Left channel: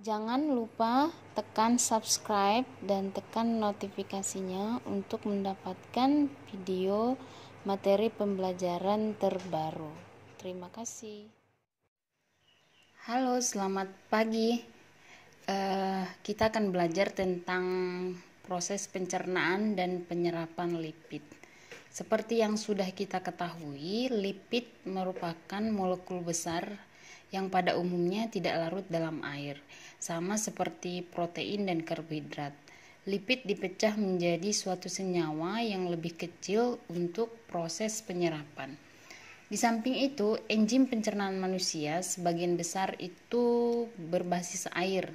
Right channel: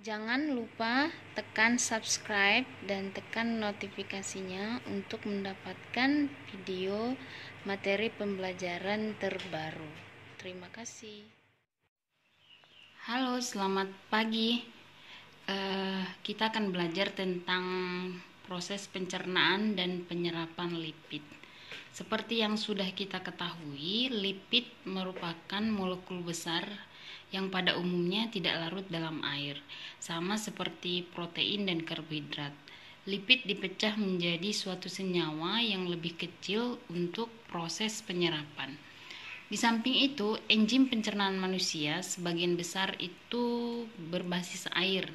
Jangan lupa tekan subscribe dan tekan notifikasinya untuk mendapatkan video materi pembelajaran terbaru. Terima kasih. Halo, selamat pagi. Kita akan belajar tentang proses pencernaan dan penyerapan lipid. Seperti yang sudah kita ketahui, lipid merupakan molekul besar yang pada umumnya tidak larut dalam air, sama seperti protein dan karbohidrat. Lipid dipecah menjadi suatu senyawa yang lebih kecil untuk proses penyerapan. Di samping itu, enzim pencernaan manusia sebagian besar itu berbasis air.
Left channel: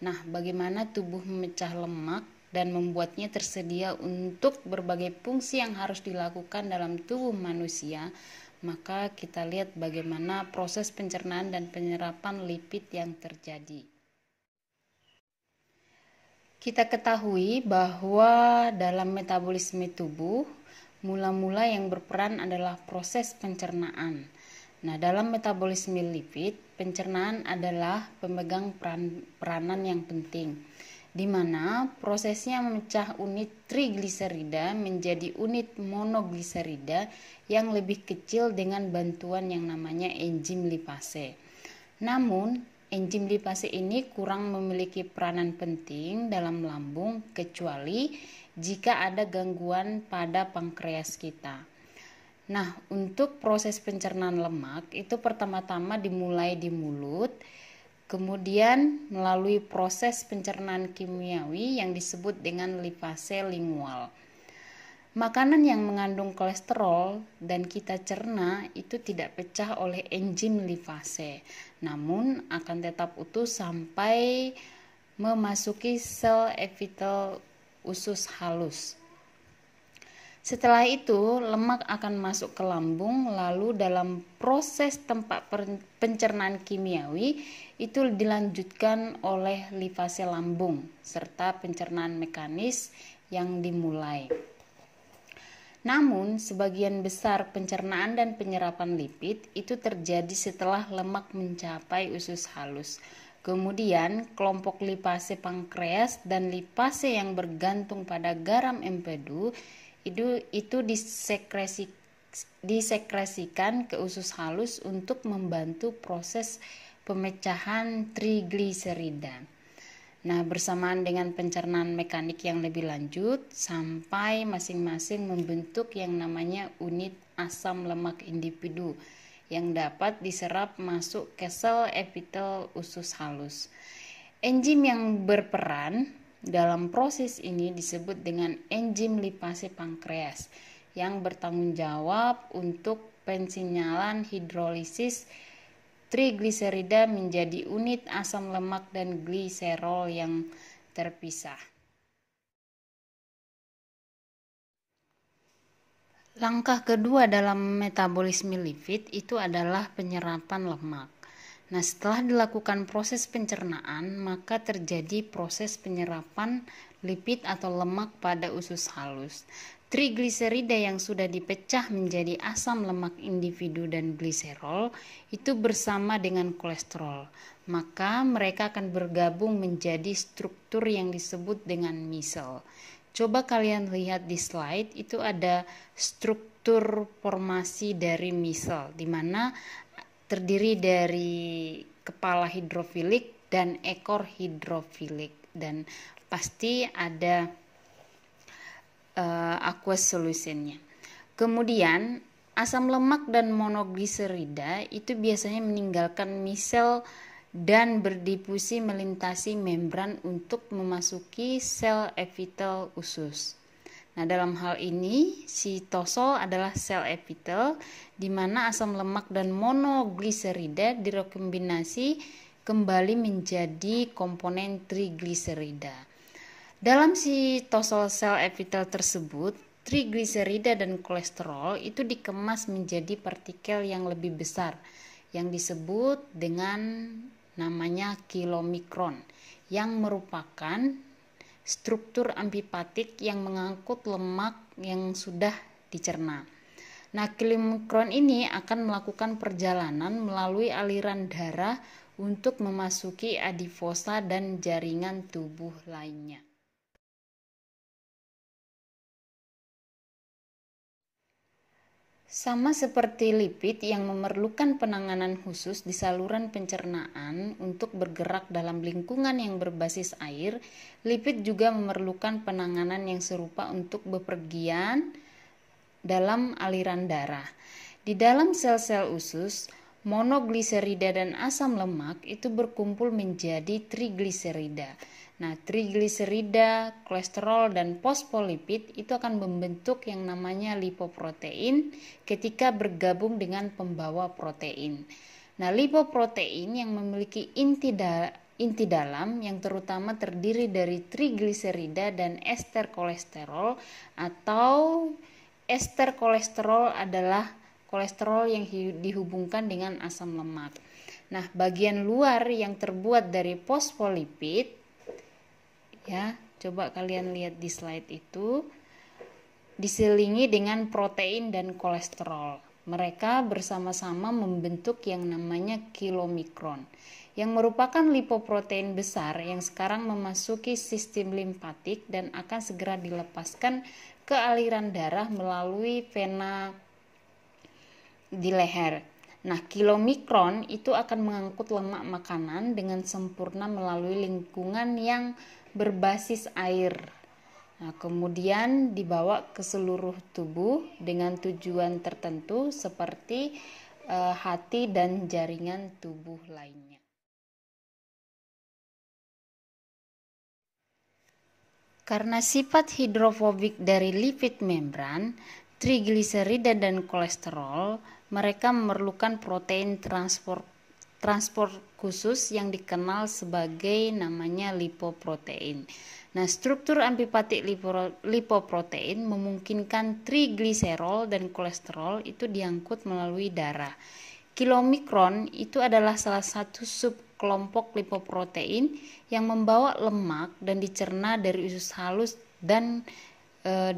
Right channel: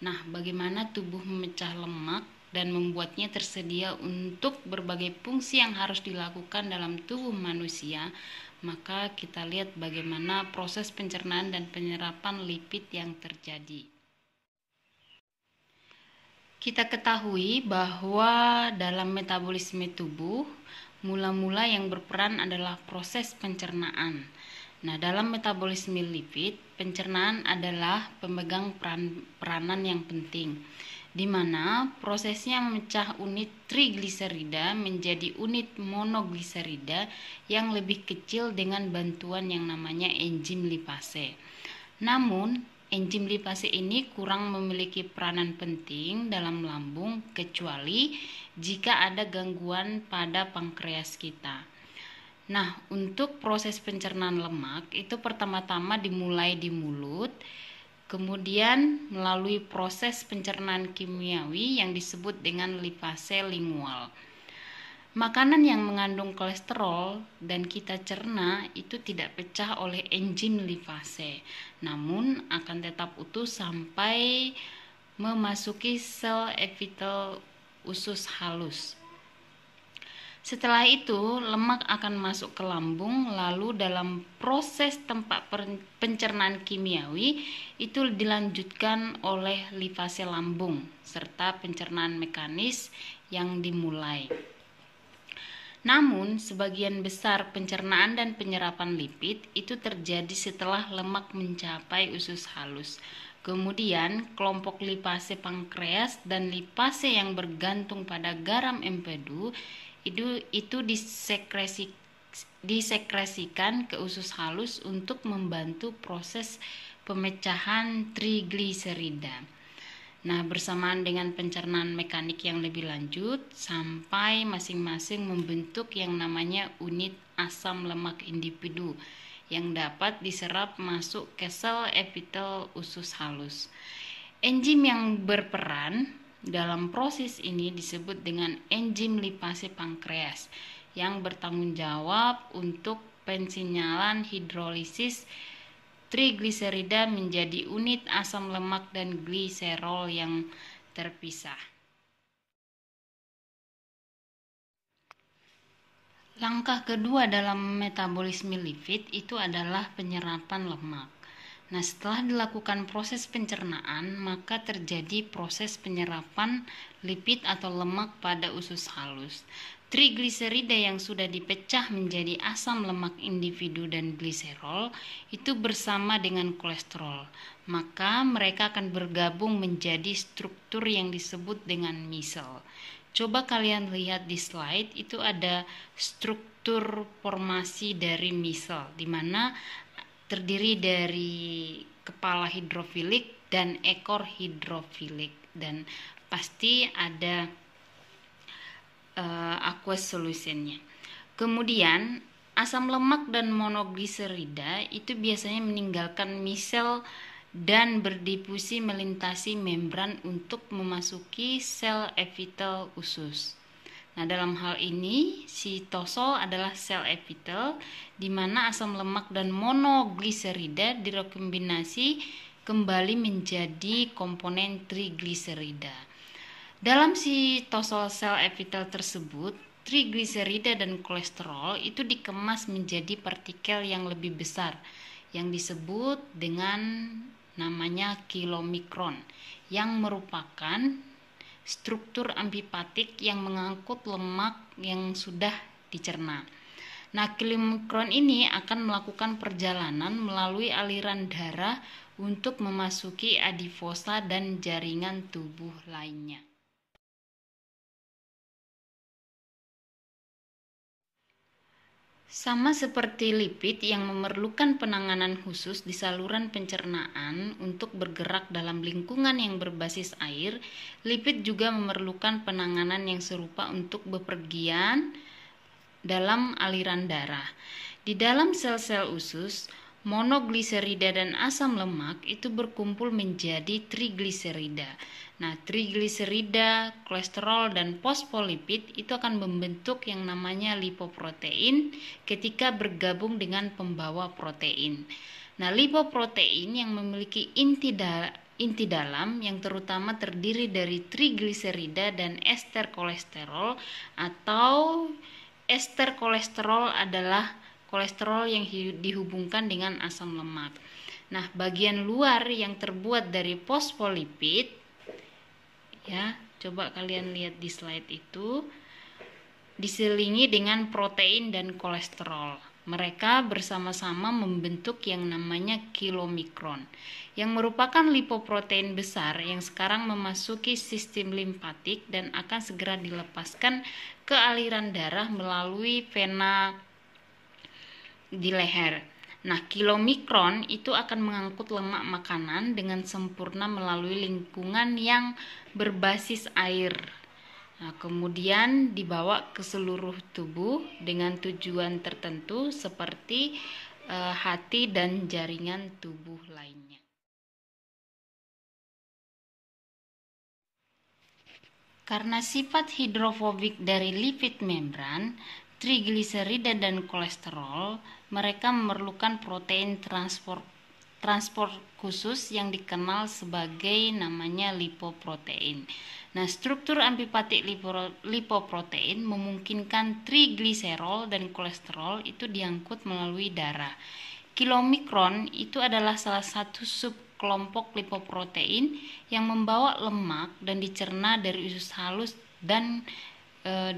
Nah, bagaimana tubuh memecah lemak dan membuatnya tersedia untuk berbagai fungsi yang harus dilakukan dalam tubuh manusia, maka kita lihat bagaimana proses pencernaan dan penyerapan lipid yang terjadi. Kita ketahui bahwa dalam metabolisme tubuh, mula-mula yang berperan adalah proses pencernaan. Nah, dalam metabolisme lipid, pencernaan adalah pemegang peranan yang penting, di mana prosesnya memecah unit trigliserida menjadi unit monogliserida yang lebih kecil dengan bantuan yang namanya enzim lipase. Namun, enzim lipase ini kurang memiliki peranan penting dalam lambung kecuali jika ada gangguan pada pankreas kita. Nah, untuk proses pencernaan lemak itu pertama-tama dimulai di mulut, kemudian melalui proses pencernaan kimiawi yang disebut dengan lipase lingual. Makanan yang mengandung kolesterol dan kita cerna itu tidak pecah oleh enzim lipase, namun akan tetap utuh sampai memasuki sel epitel usus halus. Setelah itu, lemak akan masuk ke lambung, lalu dalam proses tempat pencernaan kimiawi itu dilanjutkan oleh lipase lambung serta pencernaan mekanis yang dimulai. Namun, sebagian besar pencernaan dan penyerapan lipid itu terjadi setelah lemak mencapai usus halus. Kemudian, kelompok lipase pankreas dan lipase yang bergantung pada garam empedu itu disekresikan ke usus halus untuk membantu proses pemecahan trigliserida. Nah, bersamaan dengan pencernaan mekanik yang lebih lanjut sampai masing-masing membentuk yang namanya unit asam lemak individu yang dapat diserap masuk ke sel epitel usus halus. Enzim yang berperan dalam proses ini disebut dengan enzim lipase pankreas yang bertanggung jawab untuk pensinyalan hidrolisis trigliserida menjadi unit asam lemak dan gliserol yang terpisah. Langkah kedua dalam metabolisme lipid itu adalah penyerapan lemak. Nah, setelah dilakukan proses pencernaan, maka terjadi proses penyerapan lipid atau lemak pada usus halus. Trigliserida yang sudah dipecah menjadi asam lemak individu dan gliserol itu bersama dengan kolesterol. Maka mereka akan bergabung menjadi struktur yang disebut dengan misel. Coba kalian lihat di slide, itu ada struktur formasi dari misel, di mana terdiri dari kepala hidrofilik dan ekor hidrofilik, dan pasti ada aqueous solutionnya. Kemudian asam lemak dan monogliserida itu biasanya meninggalkan misel dan berdifusi melintasi membran untuk memasuki sel epitel usus. Nah, dalam hal ini sitosol adalah sel epitel di mana asam lemak dan monogliserida direkombinasi kembali menjadi komponen trigliserida. Dalam sitosol sel epitel tersebut, trigliserida dan kolesterol itu dikemas menjadi partikel yang lebih besar yang disebut dengan namanya kilomikron yang merupakan struktur amfipatik yang mengangkut lemak yang sudah dicerna. Nah, kilomikron ini akan melakukan perjalanan melalui aliran darah untuk memasuki adiposa dan jaringan tubuh lainnya. Sama seperti lipid yang memerlukan penanganan khusus di saluran pencernaan untuk bergerak dalam lingkungan yang berbasis air, lipid juga memerlukan penanganan yang serupa untuk bepergian dalam aliran darah. Di dalam sel-sel usus, monogliserida dan asam lemak itu berkumpul menjadi trigliserida. Nah, trigliserida, kolesterol, dan fosfolipid itu akan membentuk yang namanya lipoprotein ketika bergabung dengan pembawa protein. Nah, lipoprotein yang memiliki inti dalam yang terutama terdiri dari trigliserida dan ester kolesterol, atau ester kolesterol adalah kolesterol yang dihubungkan dengan asam lemak. Nah, bagian luar yang terbuat dari fosfolipid, ya, coba kalian lihat di slide itu, diselingi dengan protein dan kolesterol. Mereka bersama-sama membentuk yang namanya kilomikron, yang merupakan lipoprotein besar yang sekarang memasuki sistem limpatik dan akan segera dilepaskan ke aliran darah melalui vena di leher. Nah, kilomikron itu akan mengangkut lemak makanan dengan sempurna melalui lingkungan yang berbasis air. Nah, kemudian dibawa ke seluruh tubuh dengan tujuan tertentu seperti hati dan jaringan tubuh lainnya. Karena sifat hidrofobik dari lipid membran, trigliserida dan kolesterol, mereka memerlukan protein transport khusus yang dikenal sebagai namanya lipoprotein. Nah, struktur amfipatik lipoprotein memungkinkan trigliserol dan kolesterol itu diangkut melalui darah. Kilomikron itu adalah salah satu subkelompok lipoprotein yang membawa lemak dan dicerna dari usus halus dan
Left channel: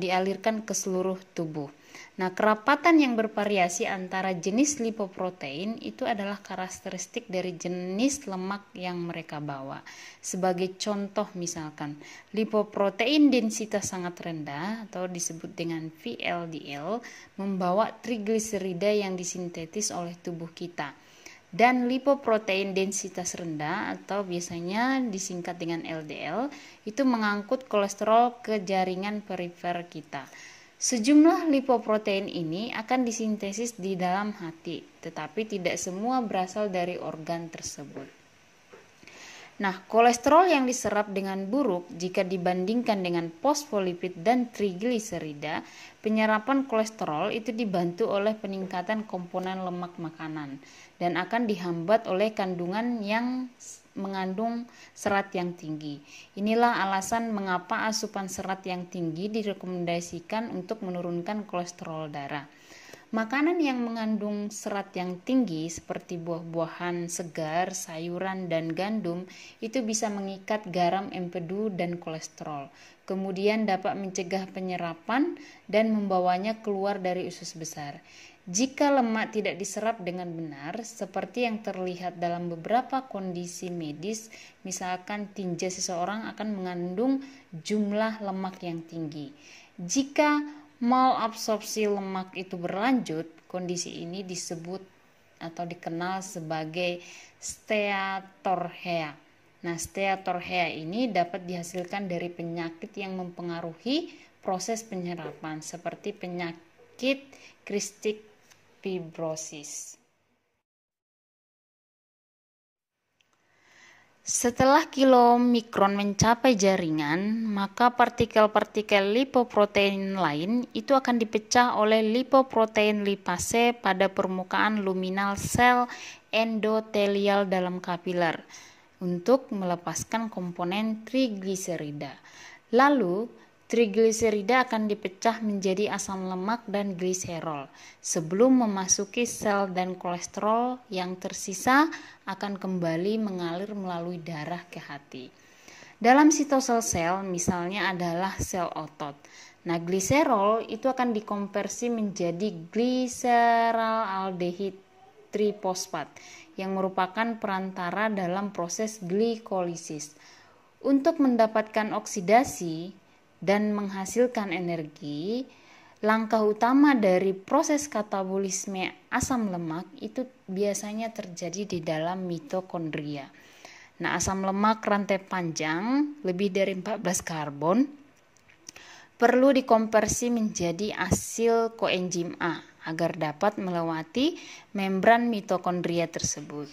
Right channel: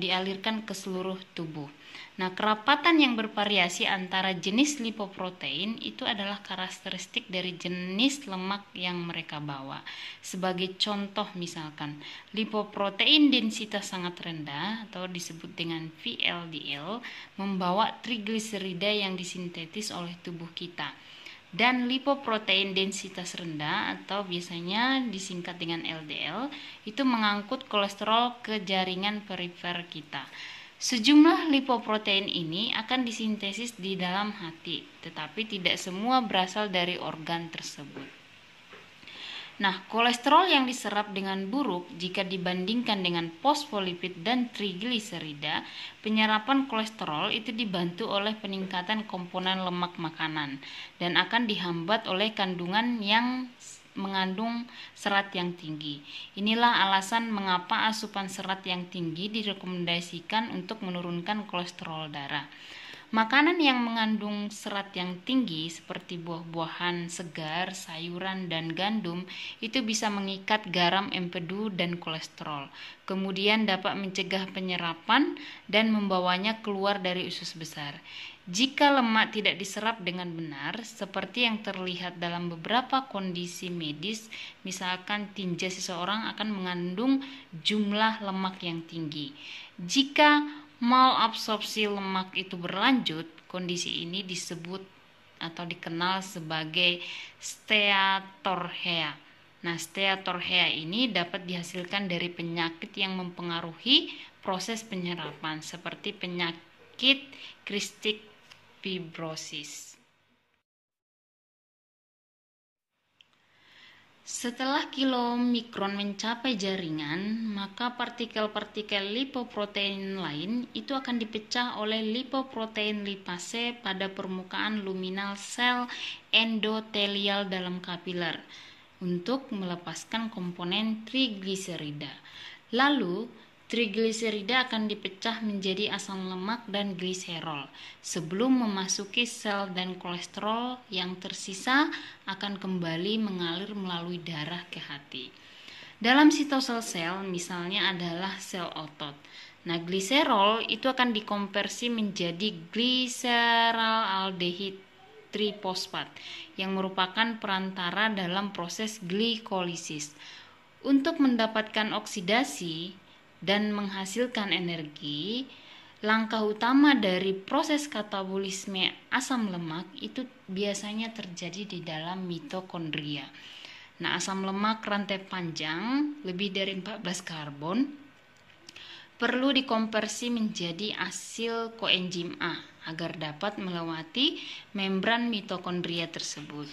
dialirkan ke seluruh tubuh. Nah, kerapatan yang bervariasi antara jenis lipoprotein itu adalah karakteristik dari jenis lemak yang mereka bawa. Sebagai contoh misalkan, lipoprotein densitas sangat rendah atau disebut dengan VLDL membawa trigliserida yang disintetis oleh tubuh kita. Dan lipoprotein densitas rendah atau biasanya disingkat dengan LDL itu mengangkut kolesterol ke jaringan perifer kita. Sejumlah lipoprotein ini akan disintesis di dalam hati, tetapi tidak semua berasal dari organ tersebut. Nah, kolesterol yang diserap dengan buruk jika dibandingkan dengan fosfolipid dan trigliserida, penyerapan kolesterol itu dibantu oleh peningkatan komponen lemak makanan dan akan dihambat oleh kandungan yang mengandung serat yang tinggi. Inilah alasan mengapa asupan serat yang tinggi direkomendasikan untuk menurunkan kolesterol darah. Makanan yang mengandung serat yang tinggi seperti buah-buahan segar, sayuran, dan gandum itu bisa mengikat garam, empedu, dan kolesterol. Kemudian dapat mencegah penyerapan dan membawanya keluar dari usus besar. Jika lemak tidak diserap dengan benar, seperti yang terlihat dalam beberapa kondisi medis, misalkan tinja seseorang akan mengandung jumlah lemak yang tinggi. Jika malabsorpsi lemak itu berlanjut, kondisi ini disebut atau dikenal sebagai steatorrhea. Nah, steatorrhea ini dapat dihasilkan dari penyakit yang mempengaruhi proses penyerapan seperti penyakit cystic fibrosis. Setelah kilomikron mencapai jaringan, maka partikel-partikel lipoprotein lain itu akan dipecah oleh lipoprotein lipase pada permukaan luminal sel endotelial dalam kapiler untuk melepaskan komponen trigliserida. Lalu, trigliserida akan dipecah menjadi asam lemak dan gliserol sebelum memasuki sel, dan kolesterol yang tersisa akan kembali mengalir melalui darah ke hati. Dalam sitosel sel misalnya adalah sel otot. Nah, gliserol itu akan dikonversi menjadi gliseraldehid trifosfat yang merupakan perantara dalam proses glikolisis. Untuk mendapatkan oksidasi dan menghasilkan energi, langkah utama dari proses katabolisme asam lemak itu biasanya terjadi di dalam mitokondria. Nah, asam lemak rantai panjang lebih dari 14 karbon perlu dikonversi menjadi asil koenzim A agar dapat melewati membran mitokondria tersebut.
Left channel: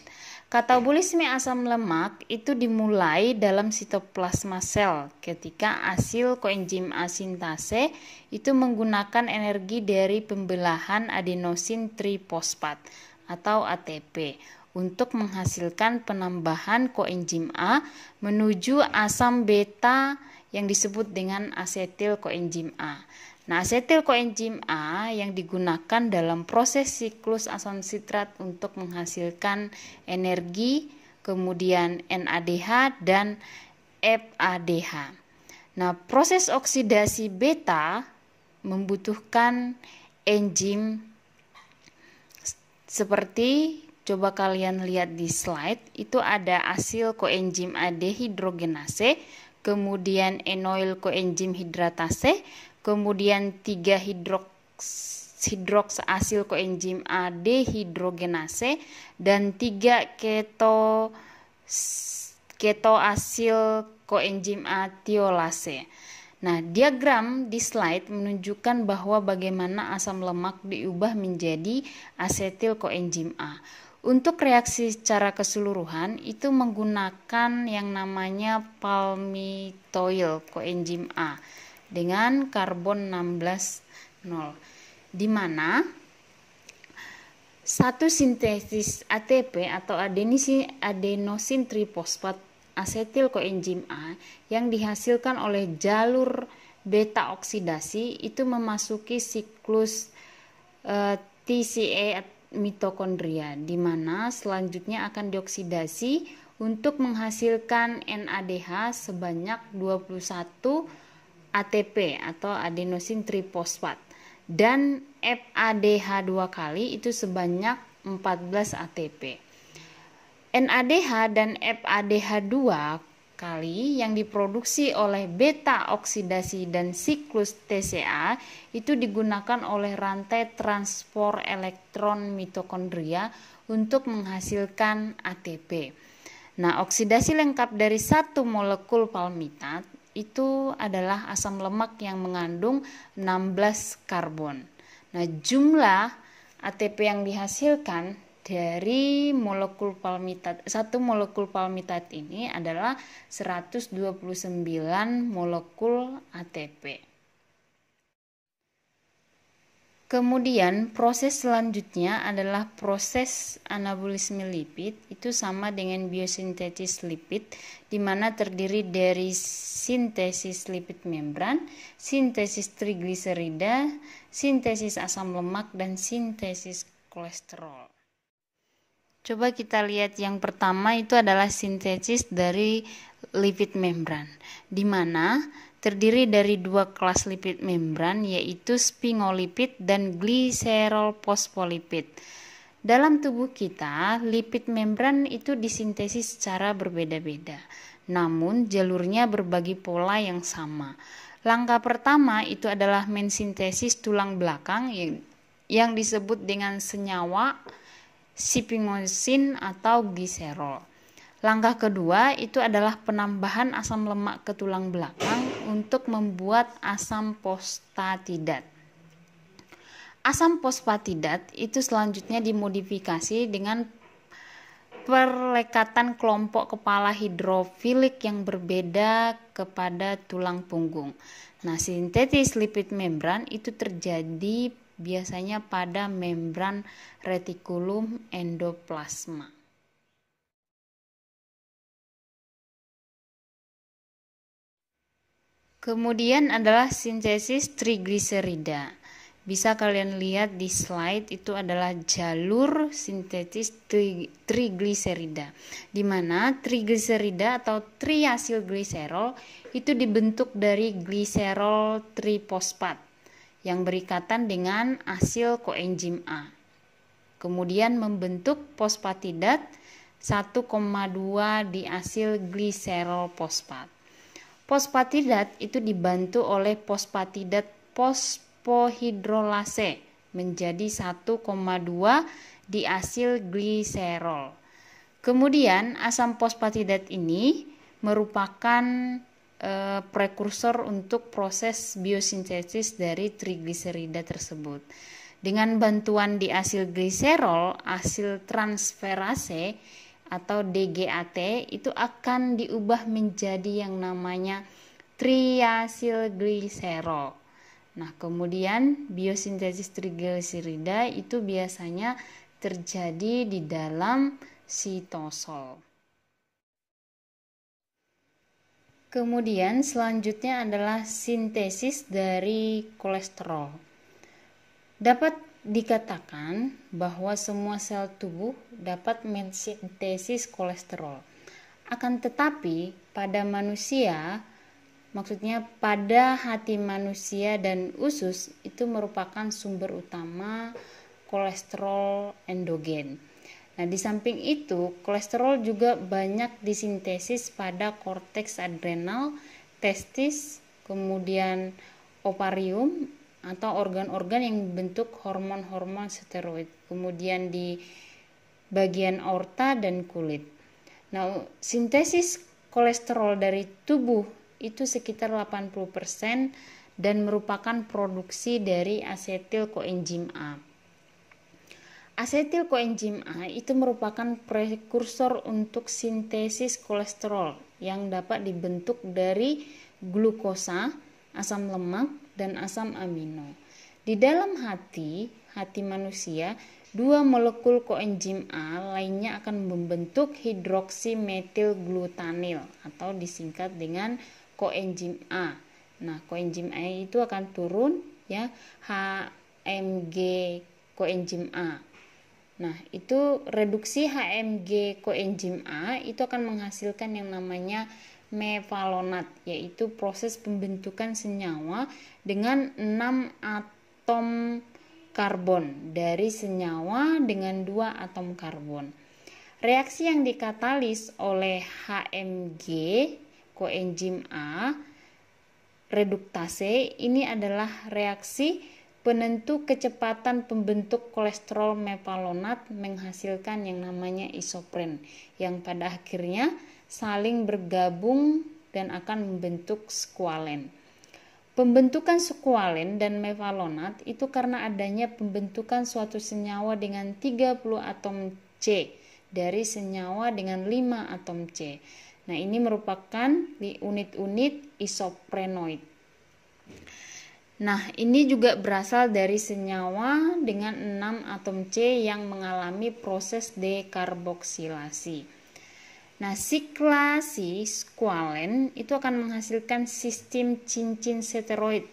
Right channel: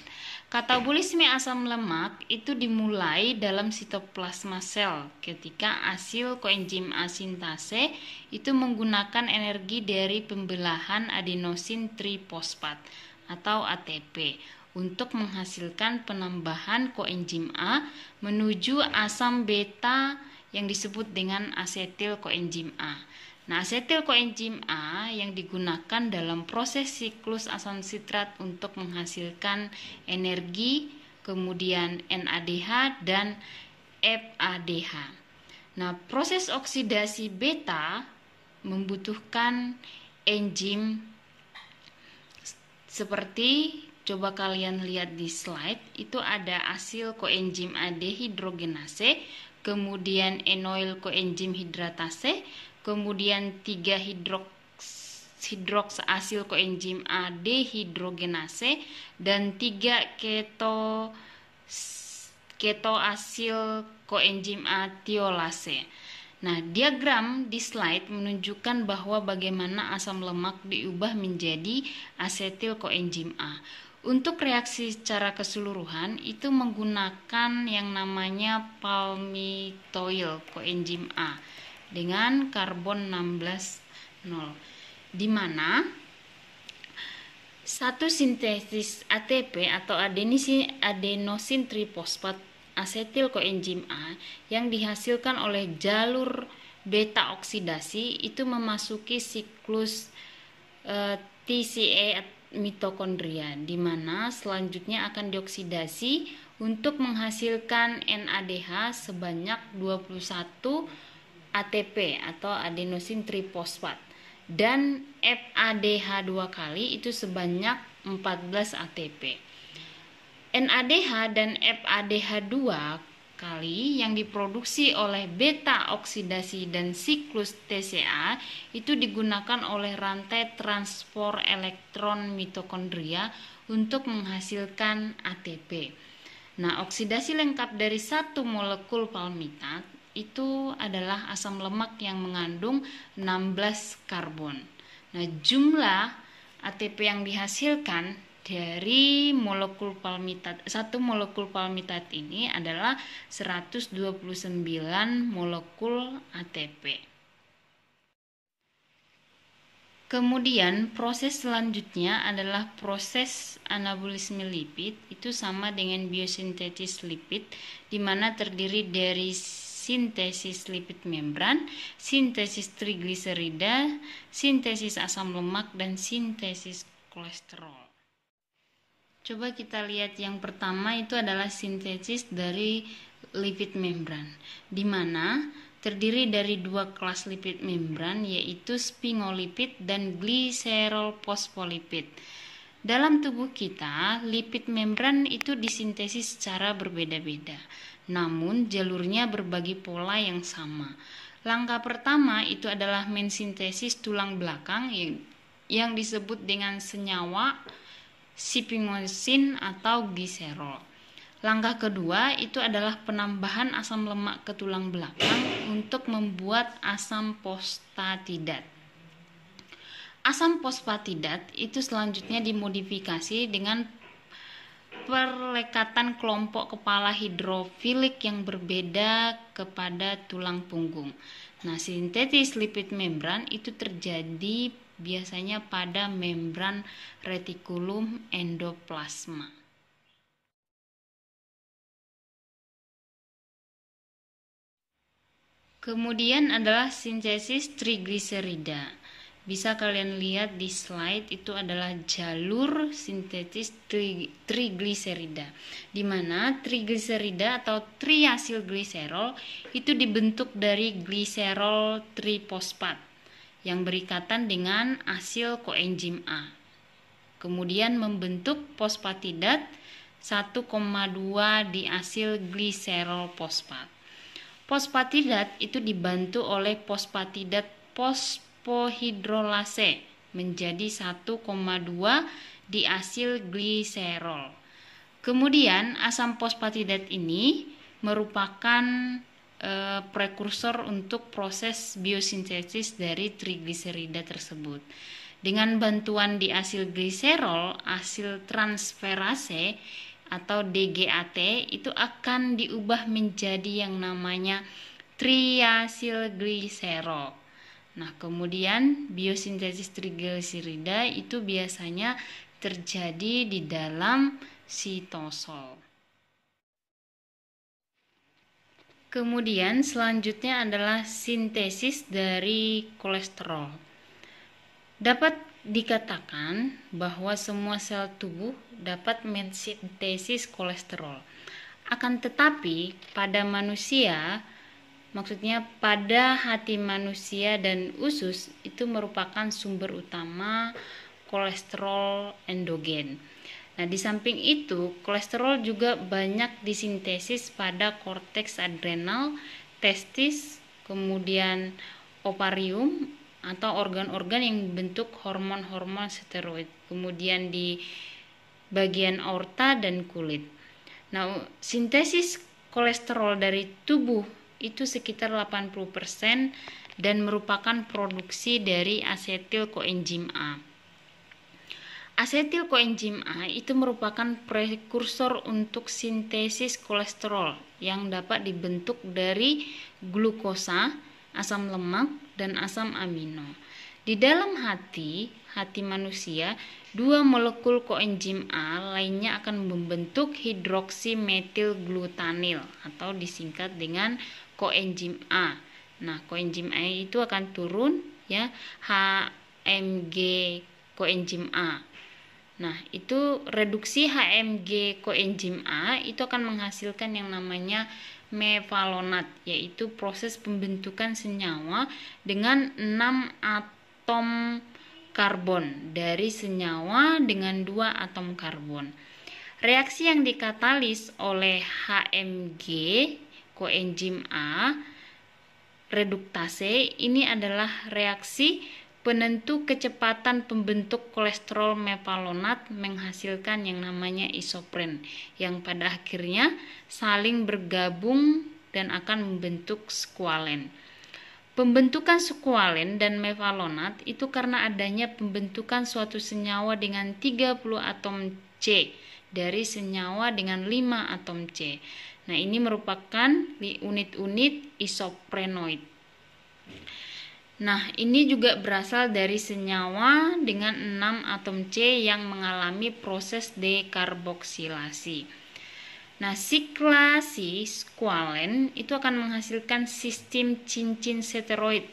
Katabolisme asam lemak itu dimulai dalam sitoplasma sel ketika asil koenzim A sintase itu menggunakan energi dari pembelahan adenosin trifosfat atau ATP untuk menghasilkan penambahan koenzim A menuju asam beta yang disebut dengan asetil koenzim A. Nah, asetil koenzim A yang digunakan dalam proses siklus asam sitrat untuk menghasilkan energi, kemudian NADH dan FADH. Nah, proses oksidasi beta membutuhkan enzim seperti coba kalian lihat di slide, itu ada asil koenzim A dehidrogenase, kemudian enoil koenzim hidratase, kemudian 3 hidroks asil koenzim A dehidrogenase dan 3 keto asil koenzim A tiolase. Nah, diagram di slide menunjukkan bahwa bagaimana asam lemak diubah menjadi asetil koenzim A. Untuk reaksi secara keseluruhan itu menggunakan yang namanya palmitoyl koenzim A dengan karbon 16,0, di mana satu sintesis ATP atau adenosin trifosfat asetil koenzim A yang dihasilkan oleh jalur beta oksidasi itu memasuki siklus TCA mitokondria, di mana selanjutnya akan dioksidasi untuk menghasilkan NADH sebanyak 21 ATP atau adenosin trifosfat dan FADH 2 kali itu sebanyak 14 ATP. NADH dan FADH 2 kali yang diproduksi oleh beta oksidasi dan siklus TCA itu digunakan oleh rantai transport elektron mitokondria untuk menghasilkan ATP. Nah, oksidasi lengkap dari satu molekul palmitat itu adalah asam lemak yang mengandung 16 karbon. Nah, jumlah ATP yang dihasilkan dari molekul palmitat, satu molekul palmitat ini adalah 129 molekul ATP. Kemudian proses selanjutnya adalah proses anabolisme lipid, itu sama dengan biosintesis lipid, di mana terdiri dari sintesis lipid membran, sintesis trigliserida, sintesis asam lemak, dan sintesis kolesterol. Coba kita lihat yang pertama itu adalah sintesis dari lipid membran, di mana terdiri dari dua kelas lipid membran yaitu sphingolipid dan gliserol fosfolipid. Dalam tubuh kita, lipid membran itu disintesis secara berbeda-beda, namun jalurnya berbagi pola yang sama. Langkah pertama itu adalah mensintesis tulang belakang yang disebut dengan senyawa sphingosine atau gliserol. Langkah kedua itu adalah penambahan asam lemak ke tulang belakang untuk membuat asam fosfatidat. Asam fosfatidat itu selanjutnya dimodifikasi dengan perlekatan kelompok kepala hidrofilik yang berbeda kepada tulang punggung. Nah, sintetis lipid membran itu terjadi biasanya pada membran retikulum endoplasma. Kemudian adalah sintesis trigliserida. Bisa kalian lihat di slide, itu adalah jalur sintetis trigliserida, di mana trigliserida atau triasilgliserol itu dibentuk dari gliserol trifosfat yang berikatan dengan asil koenzim A. kemudian membentuk fosfatidat 1,2 diasil gliserol fosfat. Fosfatidat itu dibantu oleh fosfatidat fosfohidrolase menjadi 1,2 diasil gliserol. Kemudian asam fosfatidat ini merupakan prekursor untuk proses biosintesis dari trigliserida tersebut. Dengan bantuan diasil gliserol, asil transferase atau DGAT itu akan diubah menjadi yang namanya triasilgliserol. Nah, kemudian biosintesis trigliserida itu biasanya terjadi di dalam sitosol. Kemudian selanjutnya adalah sintesis dari kolesterol. Dapat dikatakan bahwa semua sel tubuh dapat mensintesis kolesterol. Akan tetapi pada manusia, maksudnya pada hati manusia dan usus, itu merupakan sumber utama kolesterol endogen. Nah, di samping itu, kolesterol juga banyak disintesis pada korteks adrenal, testis, kemudian ovarium atau organ-organ yang membentuk hormon-hormon steroid, kemudian di bagian aorta dan kulit. Nah, sintesis kolesterol dari tubuh itu sekitar 80% dan merupakan produksi dari asetil koenzim A. Asetil koenzim A itu merupakan prekursor untuk sintesis kolesterol yang dapat dibentuk dari glukosa, asam lemak, dan asam amino. Di dalam hati manusia, 2 molekul koenzim A lainnya akan membentuk hidroksimetilglutanil atau disingkat dengan koenzim A. Nah, koenzim A itu akan turun ya HMG koenzim A. Nah, itu reduksi HMG koenzim A itu akan menghasilkan yang namanya mevalonat, yaitu proses pembentukan senyawa dengan 6 atom karbon dari senyawa dengan 2 atom karbon. Reaksi yang dikatalis oleh HMG koenzim A reduktase ini adalah reaksi penentu kecepatan pembentuk kolesterol mevalonat menghasilkan yang namanya isopren yang pada akhirnya saling bergabung dan akan membentuk skualen. Pembentukan skualen dan mevalonat itu karena adanya pembentukan suatu senyawa dengan 30 atom C dari senyawa dengan 5 atom C. Nah, ini merupakan unit-unit isoprenoid. Nah, ini juga berasal dari senyawa dengan 6 atom C yang mengalami proses dekarboksilasi. Nah, siklasi skualen itu akan menghasilkan sistem cincin steroid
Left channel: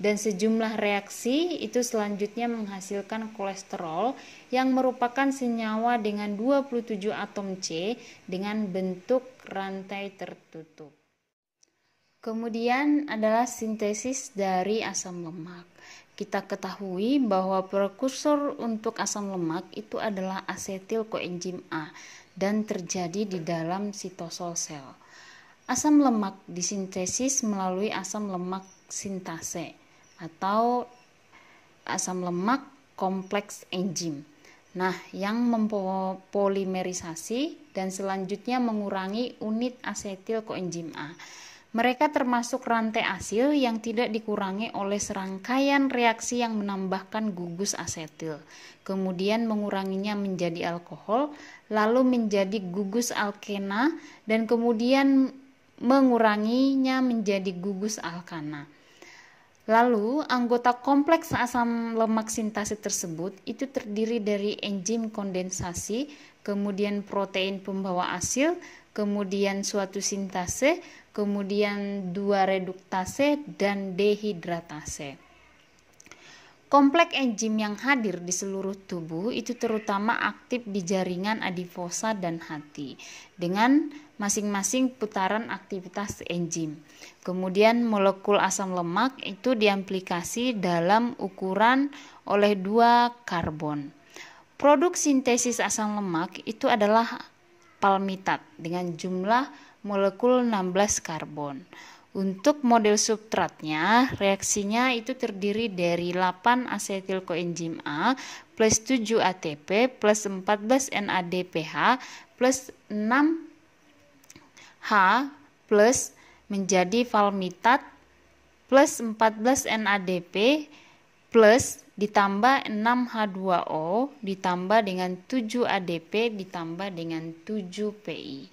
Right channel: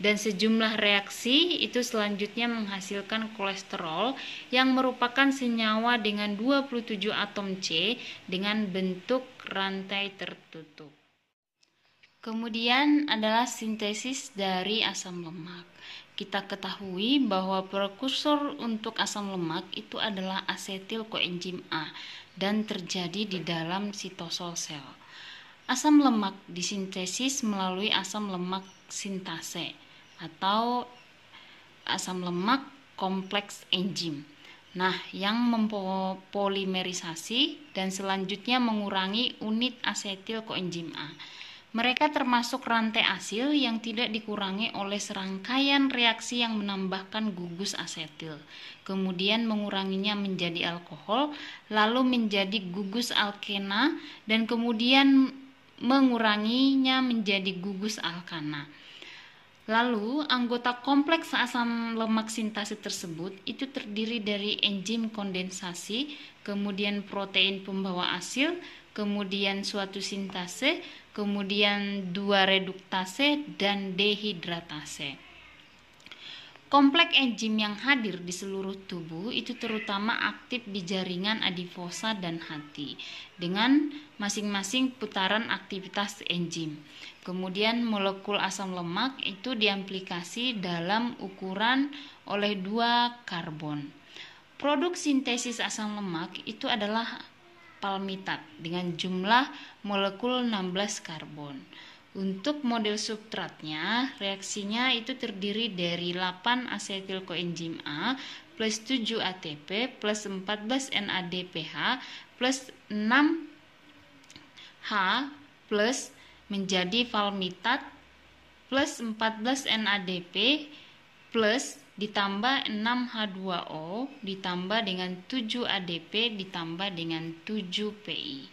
dan sejumlah reaksi itu selanjutnya menghasilkan kolesterol yang merupakan senyawa dengan 27 atom C dengan bentuk rantai tertutup. Kemudian adalah sintesis dari asam lemak. Kita ketahui bahwa prekursor untuk asam lemak itu adalah asetil koenzim A dan terjadi di dalam sitosol sel. Asam lemak disintesis melalui asam lemak sintase atau asam lemak kompleks enzim. Nah, yang mempolimerisasi dan selanjutnya mengurangi unit asetil koenzim A. Mereka termasuk rantai asil yang tidak dikurangi oleh serangkaian reaksi yang menambahkan gugus asetil, kemudian menguranginya menjadi alkohol, lalu menjadi gugus alkena, dan kemudian menguranginya menjadi gugus alkana. Lalu, anggota kompleks asam lemak sintase tersebut itu terdiri dari enzim kondensasi, kemudian protein pembawa asil, kemudian suatu sintase, kemudian 2 reduktase dan dehidratase. Kompleks enzim yang hadir di seluruh tubuh itu terutama aktif di jaringan adiposa dan hati dengan masing-masing putaran aktivitas enzim. Kemudian molekul asam lemak itu diamplikasi dalam ukuran oleh 2 karbon. Produk sintesis asam lemak itu adalah palmitat dengan jumlah molekul 16 karbon. Untuk model substratnya, reaksinya itu terdiri dari 8 asetil koenzim A plus 7 ATP plus 14 NADPH plus 6 H plus menjadi palmitat plus 14 NADP plus ditambah 6H2O ditambah dengan 7 ADP ditambah dengan 7 PI.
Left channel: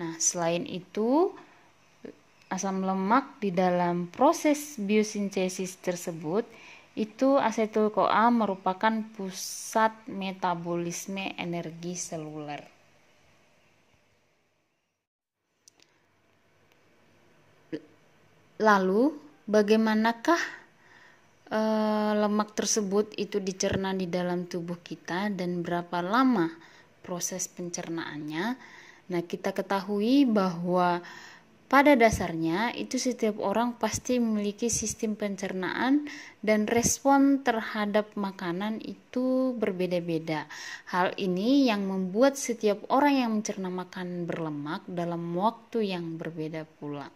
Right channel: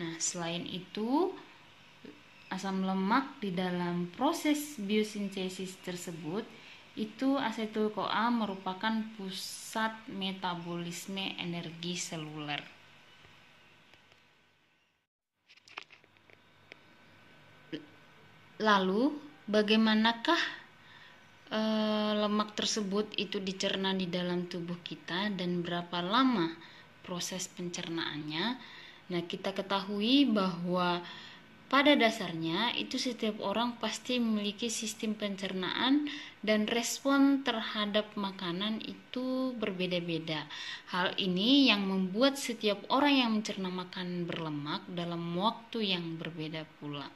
Nah, selain itu asam lemak di dalam proses biosintesis tersebut itu asetil-CoA merupakan pusat metabolisme energi seluler. Lalu, bagaimanakah lemak tersebut itu dicerna di dalam tubuh kita dan berapa lama proses pencernaannya? Nah, kita ketahui bahwa pada dasarnya itu setiap orang pasti memiliki sistem pencernaan dan respon terhadap makanan itu berbeda-beda. Hal ini yang membuat setiap orang yang mencerna makanan berlemak dalam waktu yang berbeda pula.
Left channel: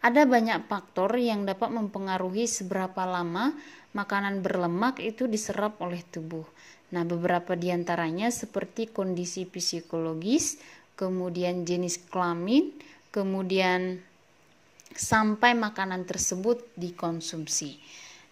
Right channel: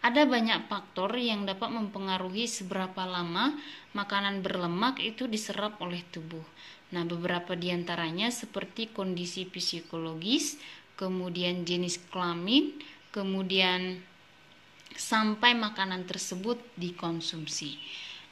Ada banyak faktor yang dapat mempengaruhi seberapa lama makanan berlemak itu diserap oleh tubuh. Nah, beberapa diantaranya seperti kondisi psikologis, kemudian jenis kelamin, kemudian sampai makanan tersebut dikonsumsi.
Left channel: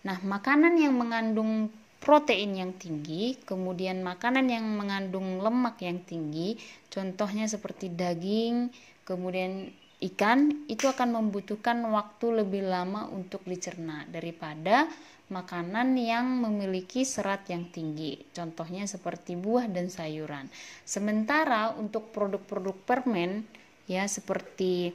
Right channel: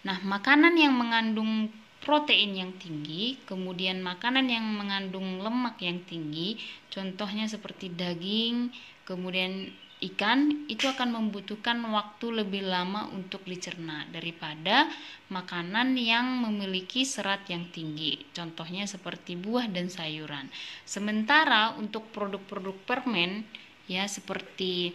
Nah, makanan yang mengandung protein yang tinggi, kemudian makanan yang mengandung lemak yang tinggi, contohnya seperti daging, kemudian ikan, itu akan membutuhkan waktu lebih lama untuk dicerna daripada makanan yang memiliki serat yang tinggi, contohnya seperti buah dan sayuran. Sementara untuk produk-produk permen ya seperti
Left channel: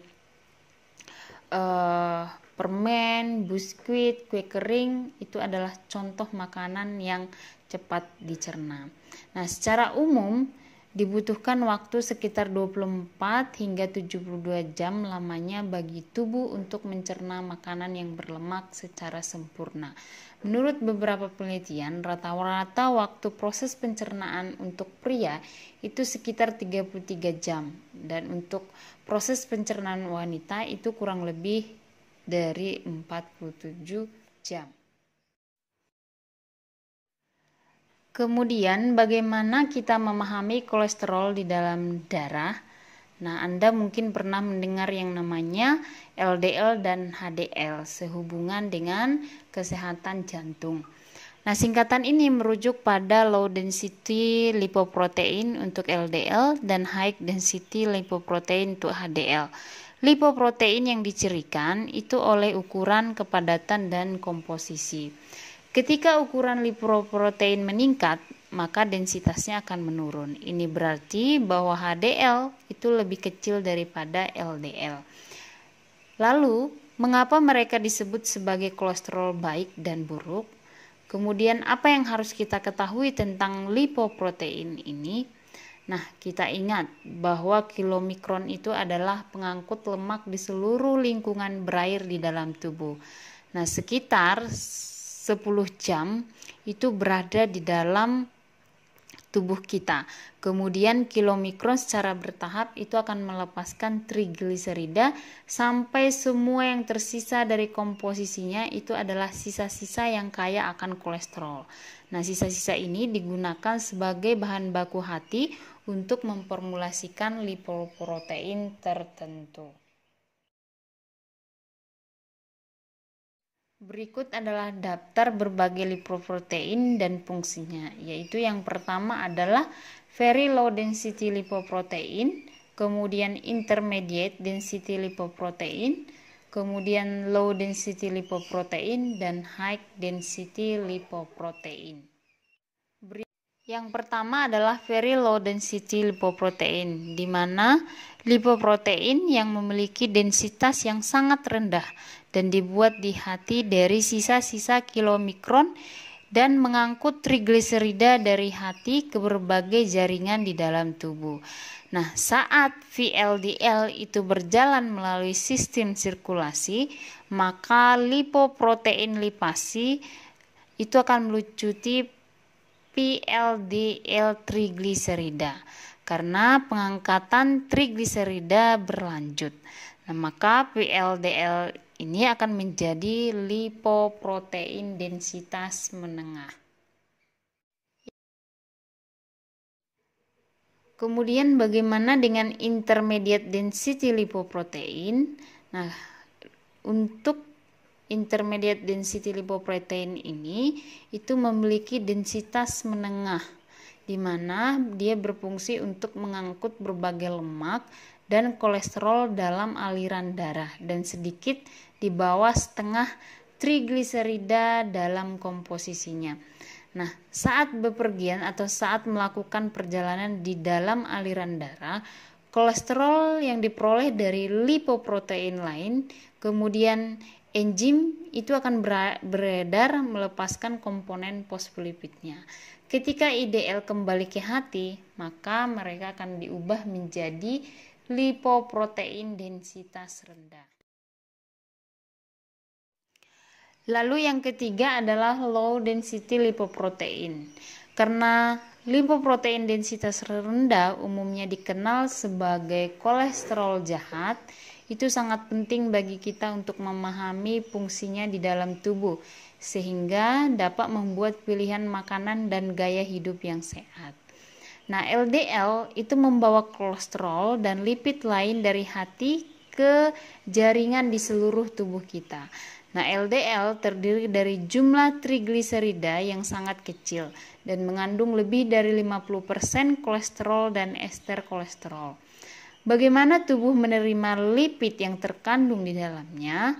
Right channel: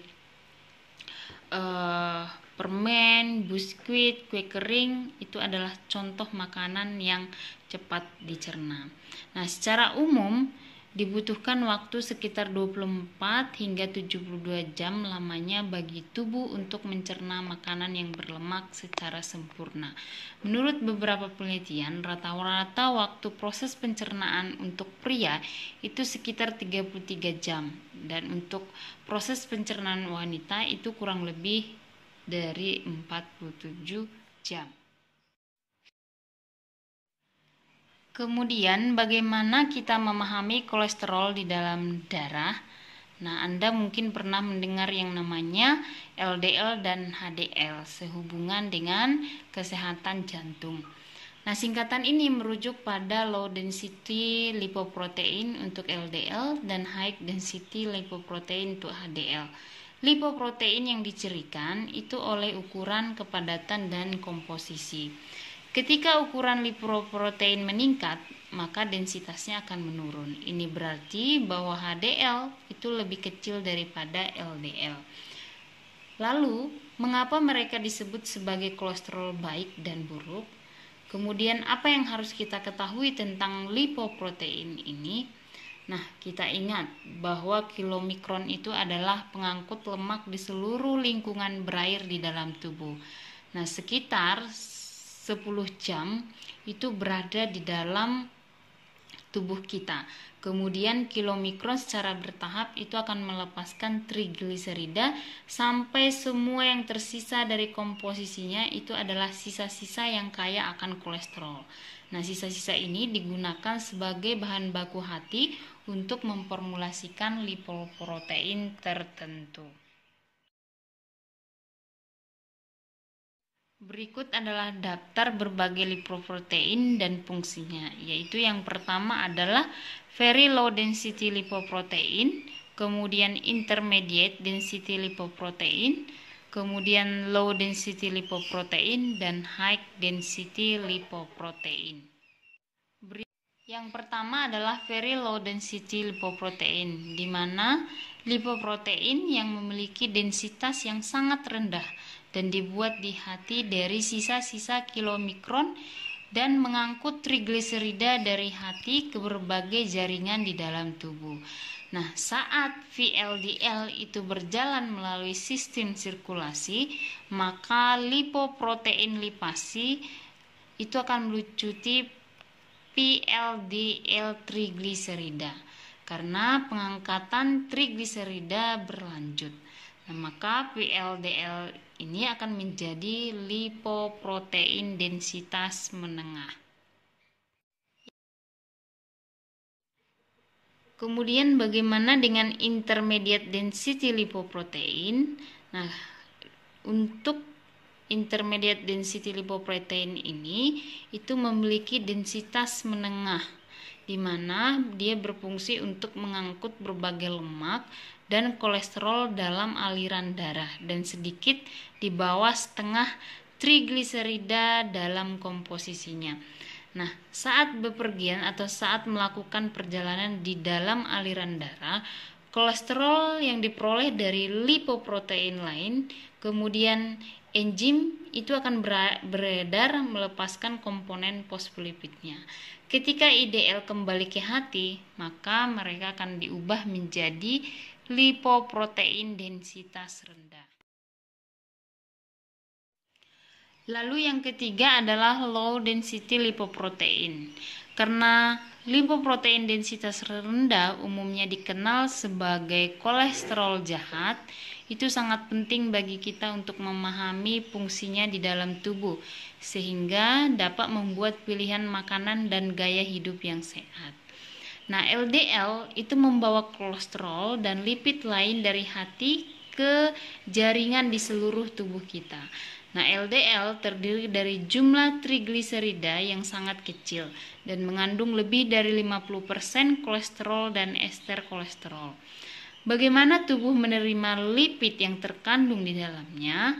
permen, biskuit, kue kering itu adalah contoh makanan yang cepat dicerna. Nah, secara umum dibutuhkan waktu sekitar 24 hingga 72 jam lamanya bagi tubuh untuk mencerna makanan yang berlemak secara sempurna. Menurut beberapa penelitian, rata-rata waktu proses pencernaan untuk pria itu sekitar 33 jam dan untuk proses pencernaan wanita itu kurang lebih dari 47 jam. Kemudian bagaimana kita memahami kolesterol di dalam darah? Nah, Anda mungkin pernah mendengar yang namanya LDL dan HDL sehubungan dengan kesehatan jantung. Nah, singkatan ini merujuk pada low density lipoprotein untuk LDL dan high density lipoprotein untuk HDL. Lipoprotein yang dicirikan itu oleh ukuran, kepadatan, dan komposisi. Ketika ukuran lipoprotein meningkat, maka densitasnya akan menurun. Ini berarti bahwa HDL itu lebih kecil daripada LDL. Lalu, mengapa mereka disebut sebagai kolesterol baik dan buruk? Kemudian, apa yang harus kita ketahui tentang lipoprotein ini? Nah, kita ingat bahwa kilomikron itu adalah pengangkut lemak di seluruh lingkungan berair di dalam tubuh. Nah, sekitar 10 jam itu berada di dalam tubuh kita. Kemudian kilomikron secara bertahap itu akan melepaskan trigliserida sampai semua yang tersisa dari komposisinya itu adalah sisa-sisa yang kaya akan kolesterol. Nah, sisa-sisa ini digunakan sebagai bahan baku hati untuk memformulasikan lipoprotein tertentu. Berikut adalah daftar berbagai lipoprotein dan fungsinya, yaitu yang pertama adalah very low density lipoprotein, kemudian intermediate density lipoprotein, kemudian low density lipoprotein, dan high density lipoprotein. Yang pertama adalah very low density lipoprotein, di mana lipoprotein yang memiliki densitas yang sangat rendah dan dibuat di hati dari sisa-sisa kilomikron dan mengangkut trigliserida dari hati ke berbagai jaringan di dalam tubuh. Nah, saat VLDL itu berjalan melalui sistem sirkulasi, maka lipoprotein lipasi itu akan melucuti VLDL trigliserida karena pengangkatan trigliserida berlanjut. Nah, maka VLDL ini akan menjadi lipoprotein densitas menengah. Kemudian bagaimana dengan intermediate density lipoprotein? Nah, untuk intermediate density lipoprotein ini itu memiliki densitas menengah, di mana dia berfungsi untuk mengangkut berbagai lemak dan kolesterol dalam aliran darah dan sedikit di bawah setengah trigliserida dalam komposisinya. Nah, saat bepergian atau saat melakukan perjalanan di dalam aliran darah, kolesterol yang diperoleh dari lipoprotein lain, kemudian enzim itu akan beredar melepaskan komponen fosfolipidnya. Ketika IDL kembali ke hati, maka mereka akan diubah menjadi lipoprotein densitas rendah. Lalu yang ketiga adalah low density lipoprotein. Karena lipoprotein densitas rendah umumnya dikenal sebagai kolesterol jahat, itu sangat penting bagi kita untuk memahami fungsinya di dalam tubuh, sehingga dapat membuat pilihan makanan dan gaya hidup yang sehat. Nah, LDL itu membawa kolesterol dan lipid lain dari hati ke jaringan di seluruh tubuh kita. Nah, LDL terdiri dari jumlah trigliserida yang sangat kecil dan mengandung lebih dari 50% kolesterol dan ester kolesterol. Bagaimana tubuh menerima lipid yang terkandung di dalamnya?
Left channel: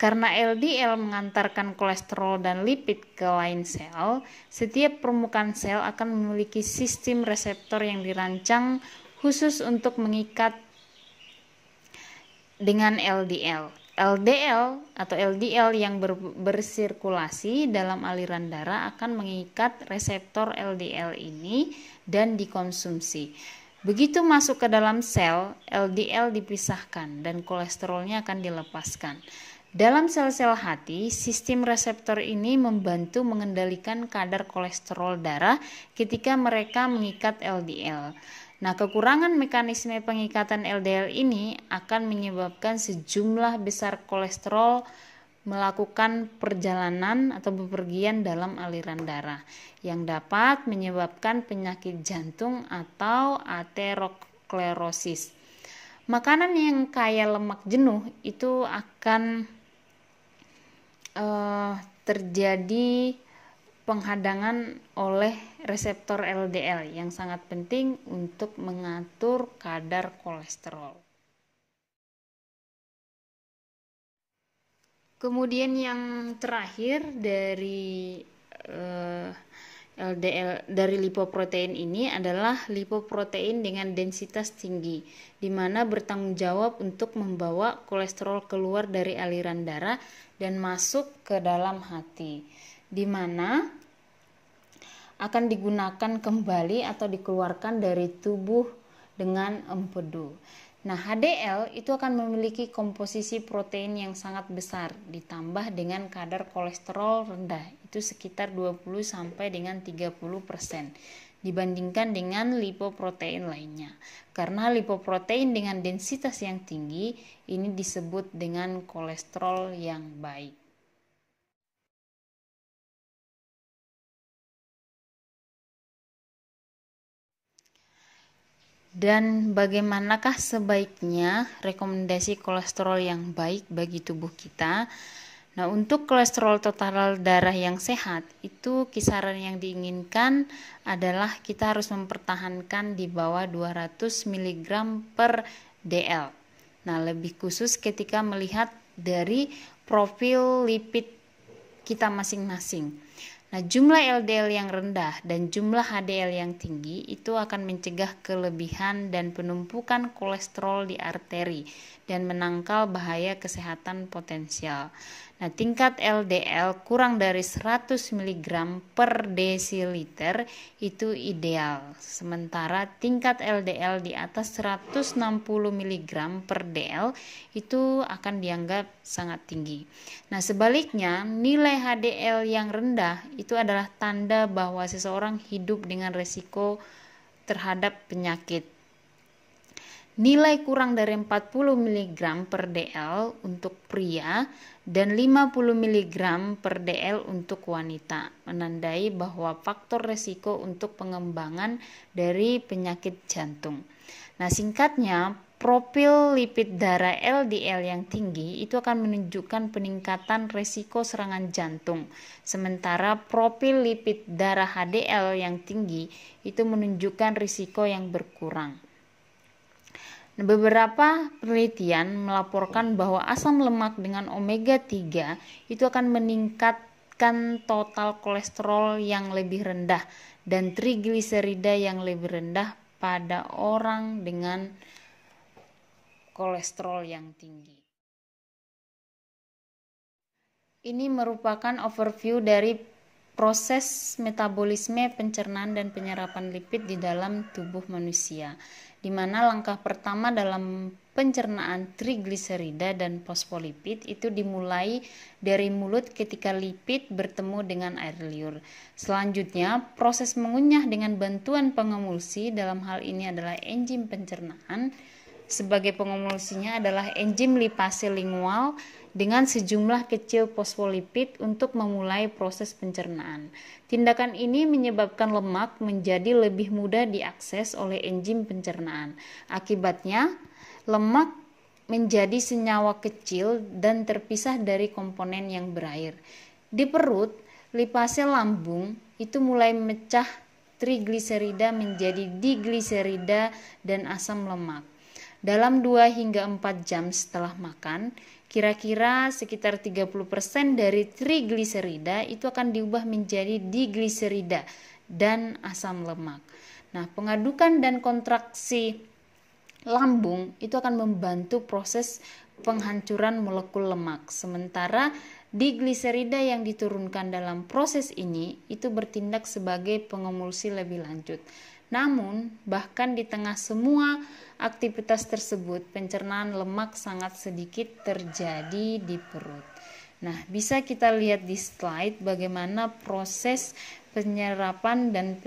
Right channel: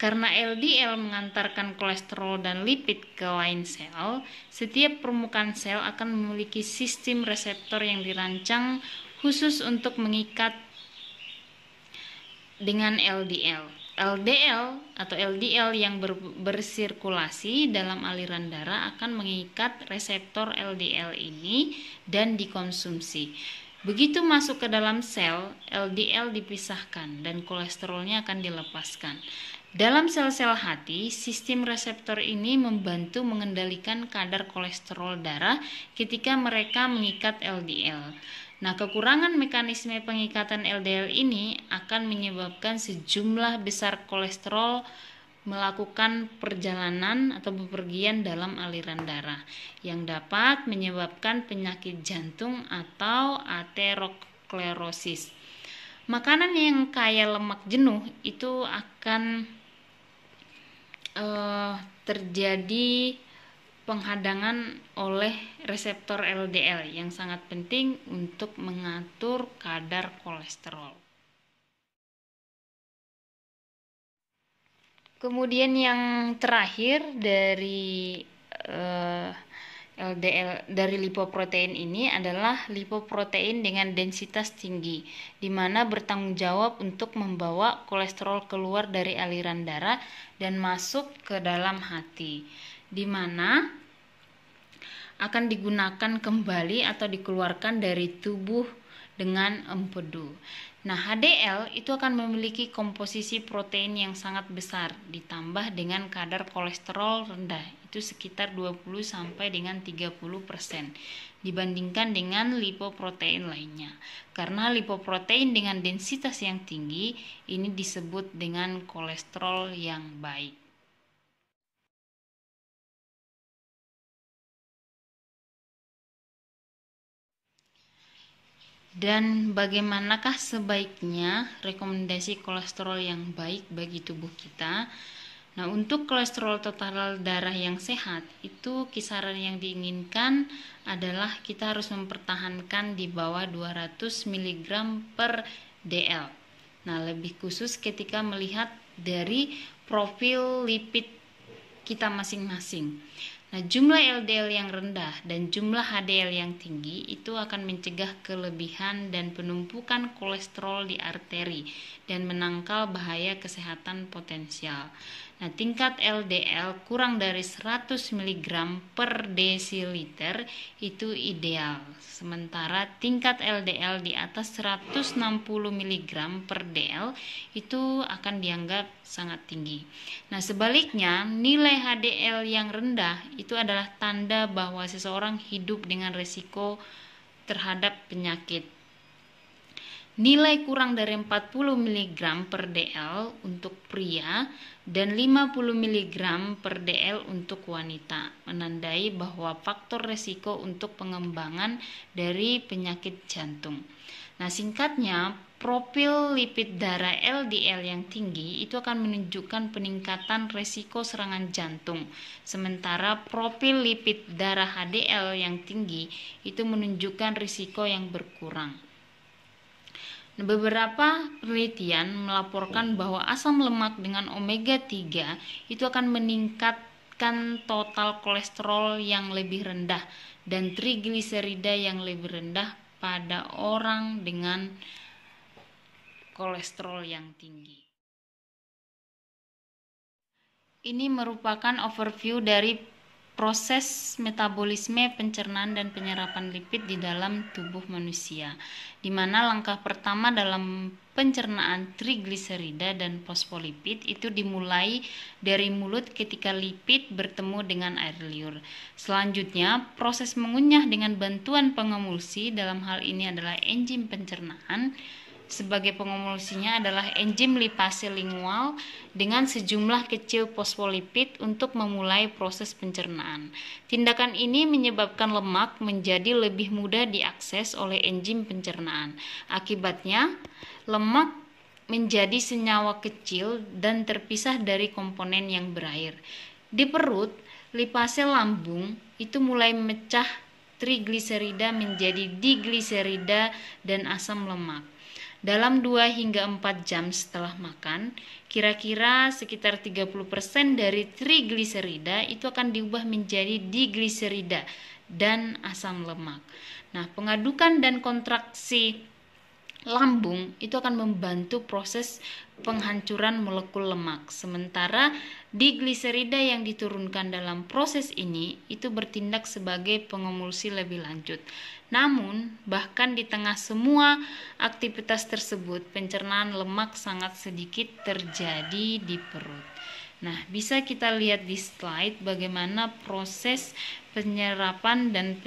Karena LDL mengantarkan kolesterol dan lipid ke lain sel, setiap permukaan sel akan memiliki sistem reseptor yang dirancang khusus untuk mengikat dengan LDL. LDL atau LDL yang bersirkulasi dalam aliran darah akan mengikat reseptor LDL ini dan dikonsumsi. Begitu masuk ke dalam sel, LDL dipisahkan dan kolesterolnya akan dilepaskan. Dalam sel-sel hati, sistem reseptor ini membantu mengendalikan kadar kolesterol darah ketika mereka mengikat LDL. Nah, kekurangan mekanisme pengikatan LDL ini akan menyebabkan sejumlah besar kolesterol melakukan perjalanan atau bepergian dalam aliran darah yang dapat menyebabkan penyakit jantung atau aterosklerosis. Makanan yang kaya lemak jenuh itu akan terjadi penghadangan oleh reseptor LDL yang sangat penting untuk mengatur kadar kolesterol. Kemudian yang terakhir dari LDL dari lipoprotein ini adalah lipoprotein dengan densitas tinggi, di mana bertanggung jawab untuk membawa kolesterol keluar dari aliran darah dan masuk ke dalam hati, di mana akan digunakan kembali atau dikeluarkan dari tubuh dengan empedu. Nah, HDL itu akan memiliki komposisi protein yang sangat besar ditambah dengan kadar kolesterol rendah, itu sekitar 20 sampai dengan 30% dibandingkan dengan lipoprotein lainnya. Karena lipoprotein dengan densitas yang tinggi ini disebut dengan kolesterol yang baik. Dan bagaimanakah sebaiknya rekomendasi kolesterol yang baik bagi tubuh kita? Nah, untuk kolesterol total darah yang sehat, itu kisaran yang diinginkan adalah kita harus mempertahankan di bawah 200 mg per dl. Nah, lebih khusus ketika melihat dari profil lipid kita masing-masing. Nah, jumlah LDL yang rendah dan jumlah HDL yang tinggi itu akan mencegah kelebihan dan penumpukan kolesterol di arteri dan menangkal bahaya kesehatan potensial. Nah, tingkat LDL kurang dari 100 mg per desiliter itu ideal. Sementara tingkat LDL di atas 160 mg per dl itu akan dianggap sangat tinggi. Nah, sebaliknya nilai HDL yang rendah itu adalah tanda bahwa seseorang hidup dengan resiko terhadap penyakit. Nilai kurang dari 40 mg per dl untuk pria dan 50 mg per dl untuk wanita, menandai bahwa faktor resiko untuk pengembangan dari penyakit jantung. Nah, singkatnya, profil lipid darah LDL yang tinggi itu akan menunjukkan peningkatan resiko serangan jantung, sementara profil lipid darah HDL yang tinggi itu menunjukkan risiko yang berkurang. Beberapa penelitian melaporkan bahwa asam lemak dengan omega 3 itu akan meningkatkan total kolesterol yang lebih rendah dan trigliserida yang lebih rendah pada orang dengan kolesterol yang tinggi. Ini merupakan overview dari proses metabolisme, pencernaan, dan penyerapan lipid di dalam tubuh manusia, di mana langkah pertama dalam pencernaan trigliserida dan fosfolipid itu dimulai dari mulut ketika lipid bertemu dengan air liur. Selanjutnya, proses mengunyah dengan bantuan pengemulsi, dalam hal ini adalah enzim pencernaan. Sebagai pengemulsinya adalah enzim lipase lingual dengan sejumlah kecil fosfolipid untuk memulai proses pencernaan. Tindakan ini menyebabkan lemak menjadi lebih mudah diakses oleh enzim pencernaan. Akibatnya, lemak menjadi senyawa kecil dan terpisah dari komponen yang berair. Di perut, lipase lambung itu mulai memecah trigliserida menjadi digliserida dan asam lemak. Dalam 2 hingga 4 jam setelah makan, kira-kira sekitar 30% dari trigliserida itu akan diubah menjadi digliserida dan asam lemak. Nah, pengadukan dan kontraksi lambung itu akan membantu proses penghancuran molekul lemak. Sementara digliserida yang diturunkan dalam proses ini itu bertindak sebagai pengemulsi lebih lanjut. Namun, bahkan di tengah semua aktivitas tersebut, pencernaan lemak sangat sedikit terjadi di perut. Nah, bisa kita lihat di slide bagaimana proses penyerapan dan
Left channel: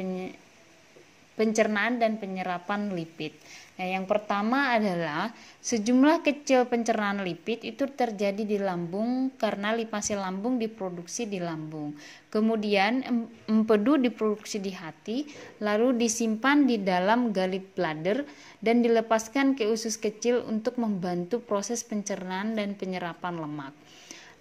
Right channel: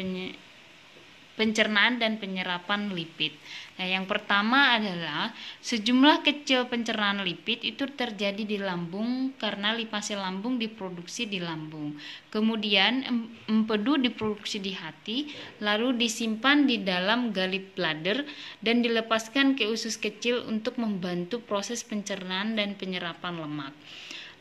pencernaan dan penyerapan lipid. Nah, yang pertama adalah sejumlah kecil pencernaan lipid itu terjadi di lambung karena lipase lambung diproduksi di lambung. Kemudian empedu diproduksi di hati, lalu disimpan di dalam gallbladder dan dilepaskan ke usus kecil untuk membantu proses pencernaan dan penyerapan lemak.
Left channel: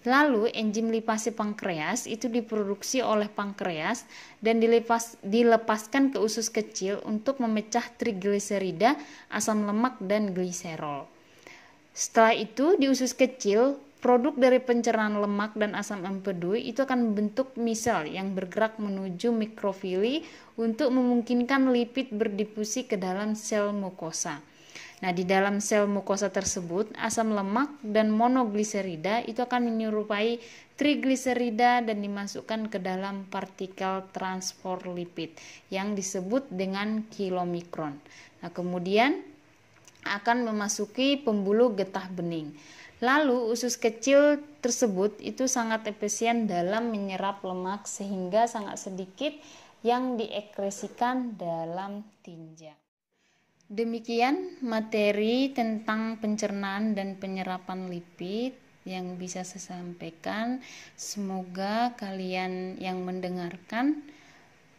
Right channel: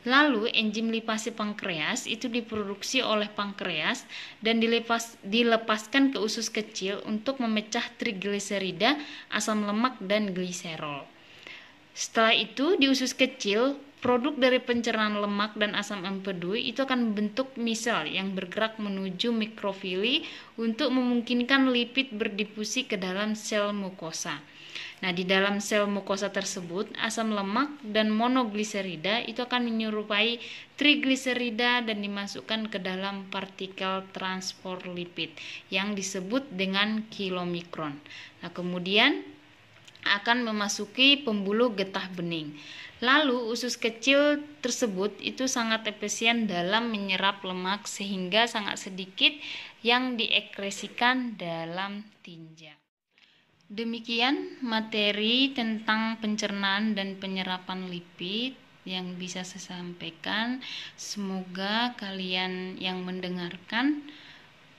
Lalu enzim lipase pankreas itu diproduksi oleh pankreas dan dilepaskan ke usus kecil untuk memecah trigliserida, asam lemak, dan gliserol. Setelah itu di usus kecil, produk dari pencernaan lemak dan asam empedu itu akan membentuk misel yang bergerak menuju mikrofili untuk memungkinkan lipid berdifusi ke dalam sel mukosa. Nah, di dalam sel mukosa tersebut, asam lemak dan monogliserida itu akan menyerupai trigliserida dan dimasukkan ke dalam partikel transport lipid yang disebut dengan kilomikron. Nah, kemudian akan memasuki pembuluh getah bening. Lalu usus kecil tersebut itu sangat efisien dalam menyerap lemak sehingga sangat sedikit yang diekskresikan dalam tinja. Demikian materi tentang pencernaan dan penyerapan lipid yang bisa saya sampaikan. Semoga kalian yang mendengarkan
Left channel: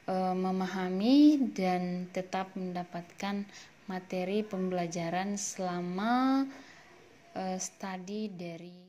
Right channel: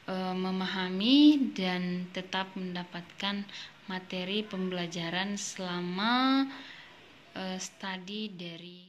memahami dan tetap mendapatkan materi pembelajaran selama studi dari